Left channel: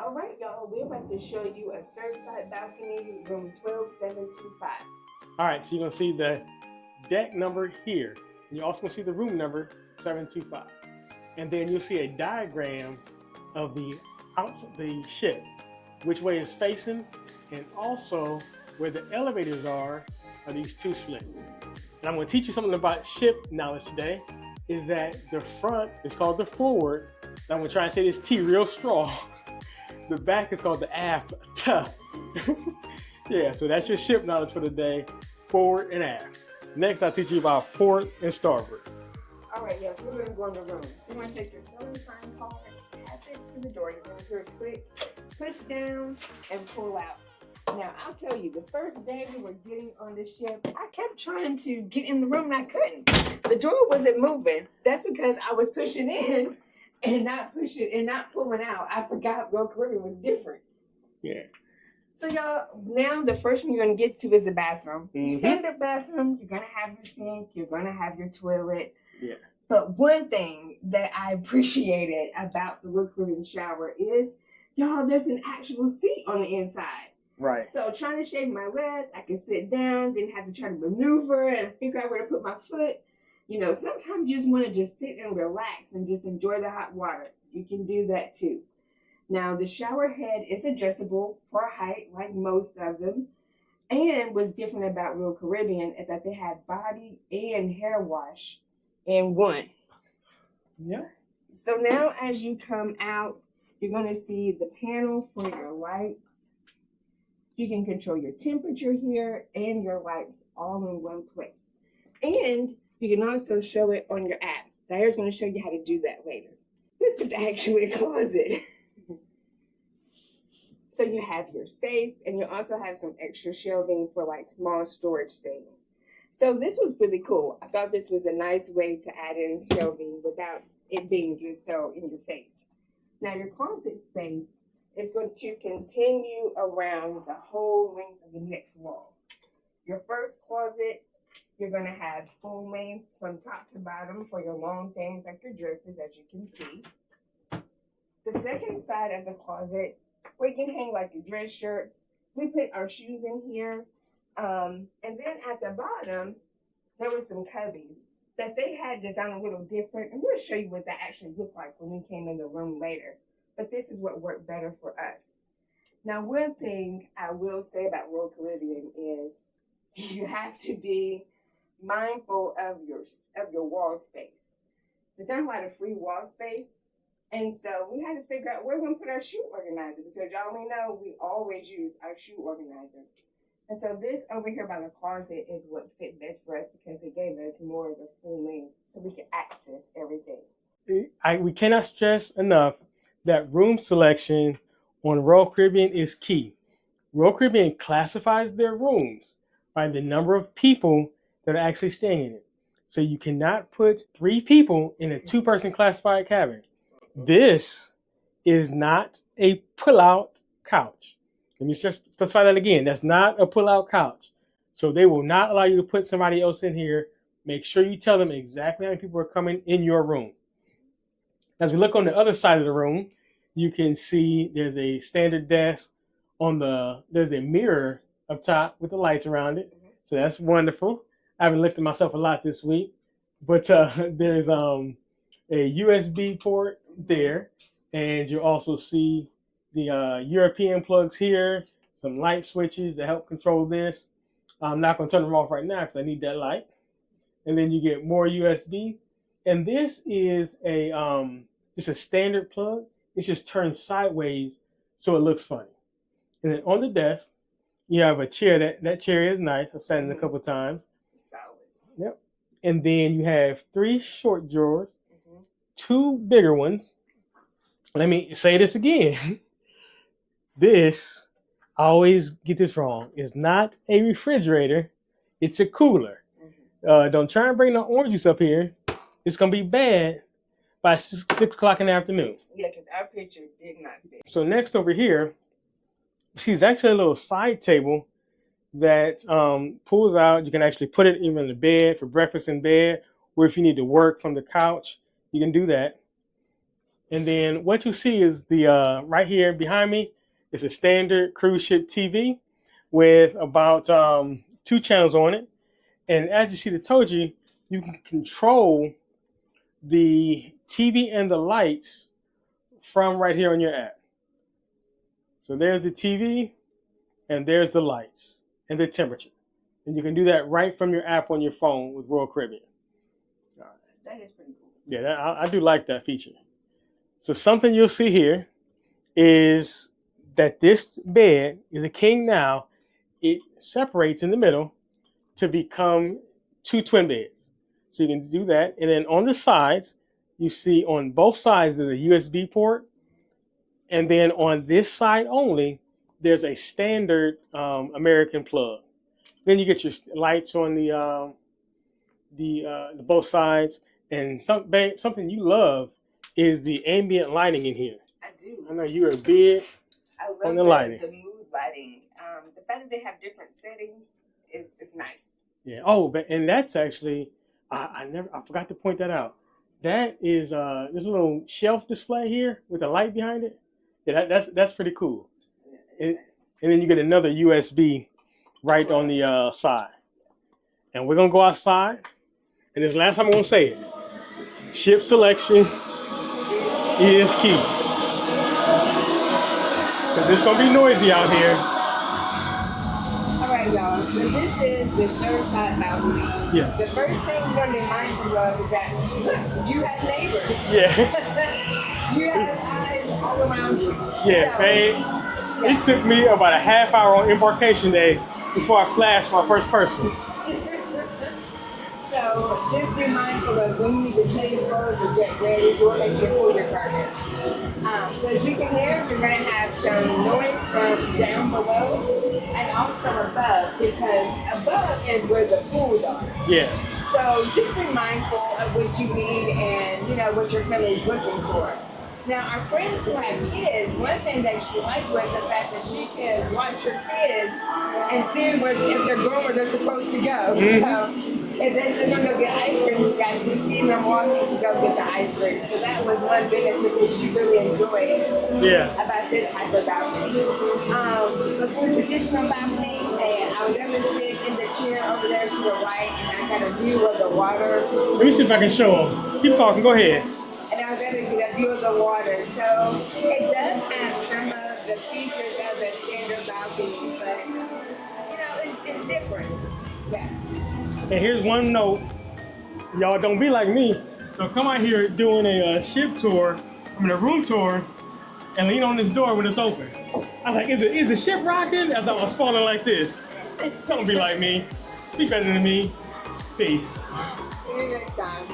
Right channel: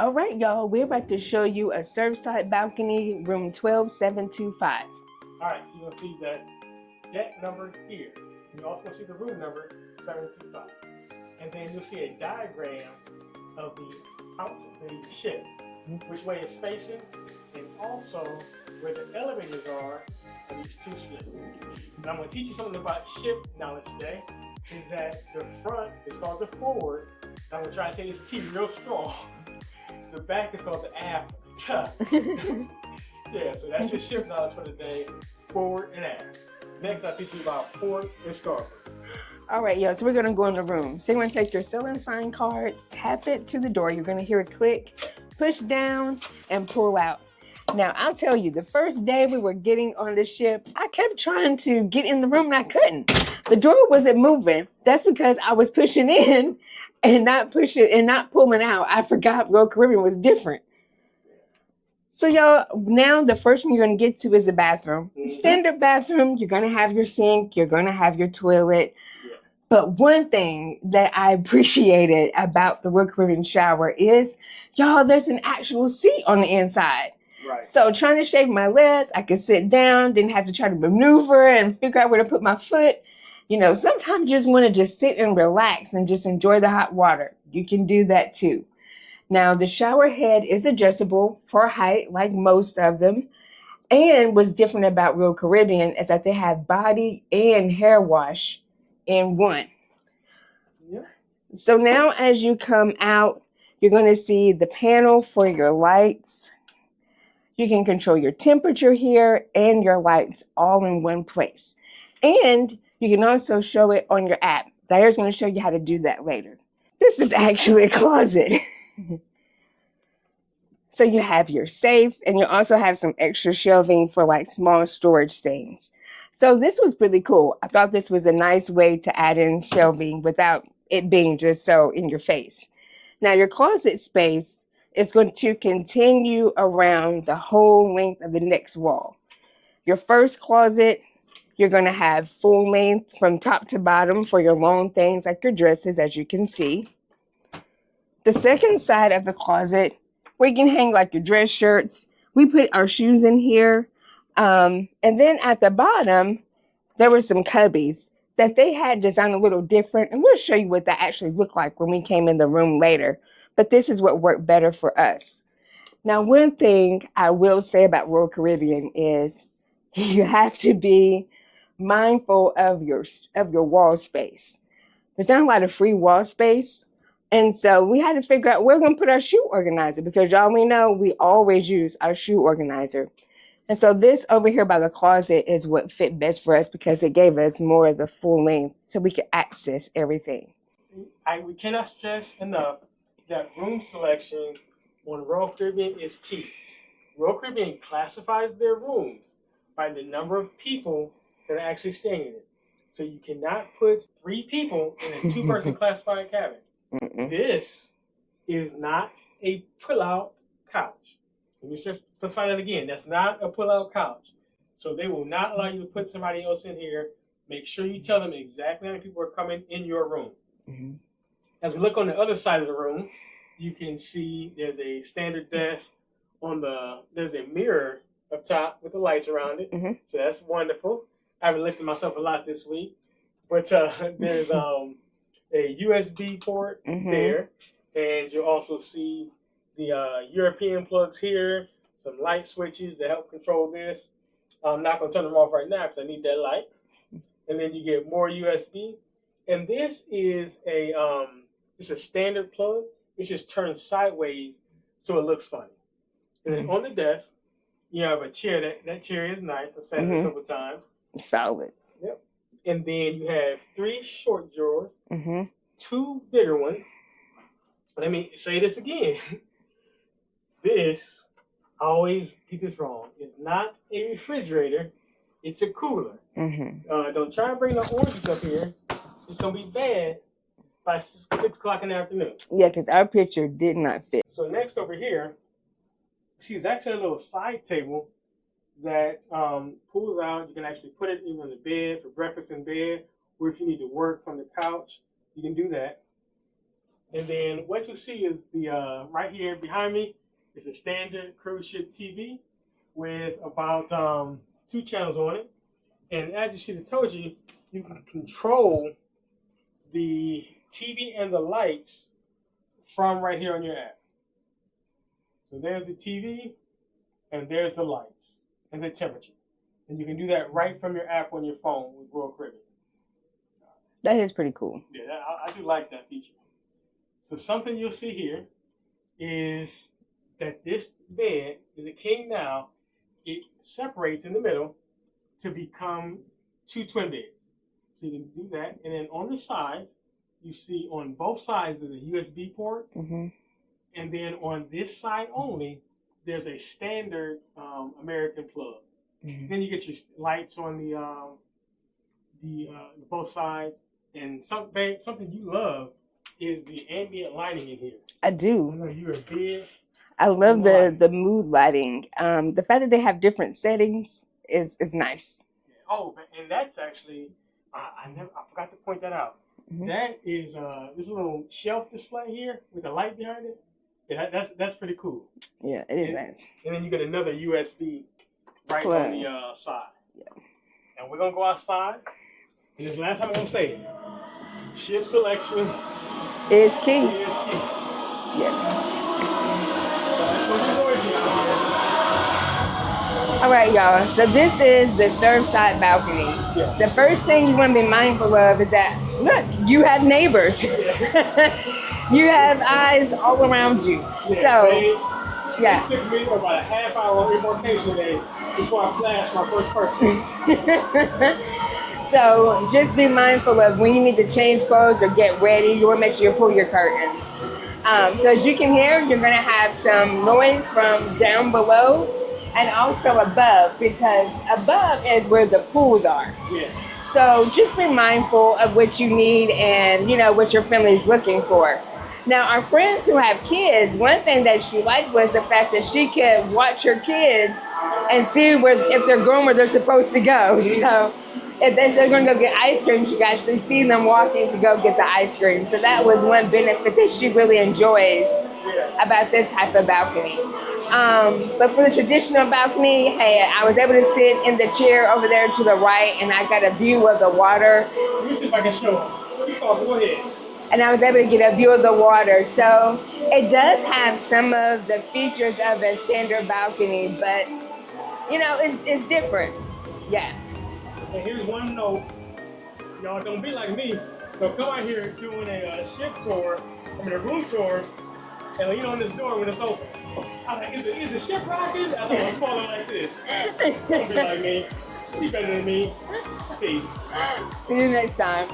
All right, y'all, we're about to show you a Surfside balcony, room 12725. All right, so you're gonna see the deck number here. You're also gonna see the room number 725. And then you'll see a diagram of the ship, which way it's facing, and also where the elevators are these two slits. Now I'm gonna teach you something about ship knowledge today, is that the front is called the forward. Now I'm gonna try and say this T real strong. The back is called the aft. Yeah, so that's your ship knowledge for the day, forward and aft. Next, I'll teach you about port and starboard. All right, y'all, so we're gonna go in the room. So you're gonna take your sailing sign card, tap it to the door. You're gonna hear it click, push down, and pull out. Now, I'll tell you, the first day we were getting on the ship, I kept trying to get in the room and I couldn't. The door wasn't moving. That's because I was pushing in and not pushing and not pulling out. I forgot Royal Caribbean was different. Yeah. So y'all, now the first one you're gonna get to is the bathroom. Mm-hmm. Standard bathroom, you're gonna have your sink, you're gonna have your toilet. Yeah. But one thing that I appreciated about the Royal Caribbean shower is, y'all, there's an actual seat on the inside. Right. So trying to shave my legs, I could sit down, didn't have to try to maneuver and figure out where to put my foot. You know, sometimes you just want to just sit and relax and just enjoy the hot water. You can do that too. Now, the shower head is adjustable for height, like most of them. And what's different about Royal Caribbean is that they have body and hair wash in one. Yeah. So now as you come out, you're going to see the panel for your lights. You can control your temperature here and your lights all in one place. And you can also show it on your app. Zaira's going to show you how to do that later. This is actually a closet. So you have your safe, and you also have some extra shelving for like small storage things. So this was really cool. I thought this was a nice way to add in shelving without it being just so in your face. Now your closet space is going to continue around the whole length of the next wall. Your first closet, you're going to have full length from top to bottom for your long things like your dresses, as you can see. The second side of the closet, where you can hang like your dress shirts, we put our shoes in here. And then at the bottom, there were some cubbies that they had designed a little different. And we'll show you what that actually looked like when we came in the room later. But this is what worked better for us. Now, one thing I will say about Royal Caribbean is you have to be mindful of your wall space. There's not a lot of free wall space. And so we had to figure out where we're going to put our shoe organizer, because y'all, we know we always use our shoe organizer. And so this over here by the closet is what fit best for us, because it gave us more of the full length so we could access everything. We cannot stress enough that room selection on Royal Caribbean is key. Royal Caribbean classifies their rooms by the number of people that are actually staying in it. So you cannot put 3 people in a 2-person classified cabin. This is not a pull-out couch. Let me specify that again. That's not a pull-out couch. So they will not allow you to put somebody else in here. Make sure you tell them exactly how many people are coming in your room. Mm-hmm. As we look on the other side of the room, you can see there's a standard desk. There's a mirror up top with the lights around it. Mm-hmm. So that's wonderful. I haven't looked at myself a lot this week. But there's a USB port there. And you'll also see the European plugs here, some light switches to help control this. I'm not going to turn them off right now because I need that light. And then you get more USB. And this is it's a standard plug. It's just turned sideways so it looks funny. And then on the desk, you have a chair. That chair is nice. I've sat in it a couple times. Solid. Yep. And then you have 3 short drawers, 2 bigger ones. Let me say this again. This, I always get this wrong, is not a refrigerator. It's a cooler. Don't try and bring no orange juice up here. It's going to be bad by 6 o'clock in the afternoon. Yeah, because our picture did not fit. So next over here, see, it's actually a little side table that pulls out. You can actually put it even in the bed for breakfast in bed, or if you need to work from the couch, you can do that. And then what you see is the right here behind me is a standard cruise ship TV with about 2 channels on it. And as you see, I told you, you can control the TV and the lights from right here on your app. So there's the TV and there's the lights and the temperature. And you can do that right from your app on your phone with Royal Caribbean. That is pretty cool. Yeah, I do like that feature. So something you'll see here is that this bed is a king now. It separates in the middle to become 2 twin beds. So you can do that. And then on the sides, you see on both sides there's a USB port. Mm-hmm. And then on this side only, there's a standard American plug. Mm-hmm. Then you get your lights on the both sides. And something you love is the ambient lighting in here. I do. I know you're a big. I love the mood lighting. The fact that they have different settings is nice. Yeah. Oh, and that's actually I forgot to point that out. Mm-hmm. That is this little shelf display here with a light behind it. Yeah, that's pretty cool. Yeah, it is nice. And then you get another USB right on the side. Yeah. And we're gonna go outside. And this last time I'm gonna say it. Ship selection is key. Is key. Because it's gonna be noisy out here. All right, y'all. So this is the Surfside balcony. Yeah. The first thing you want to be mindful of is that look, you have neighbors. Yeah. You have eyes all around you. Yeah. So, babe, it took me about a half hour on embarkation day before I flashed my first person. So just be mindful of when you need to change clothes or get ready. You want to make sure you pull your curtains. So as you can hear, you're going to have some noise from down below and also above, because above is where the pools are. Yeah. So just be mindful of what you need and what your family is looking for. Now, our friends who have kids, one thing that she liked was the fact that she could watch her kids and see if they're going where they're supposed to go. Mm-hmm. So if they're going to go get ice cream, you can actually see them walking to go get the ice cream. So that was one benefit that she really enjoys about this type of balcony. But for the traditional balcony, hey, I was able to sit in the chair over there to the right, and I got a view of the water. Let me see if I can show them. Keep talking, go ahead. And I was able to get a view of the water. So it does have some of the features of a standard balcony, but it's different. Yeah. And here's one note, y'all don't be like me. So come out here doing a ship tour, a room tour, and lean on this door when it's open. I was like, is the ship rocking? As I was falling like this. Don't be like me. Be better than me. Peace. See you next time.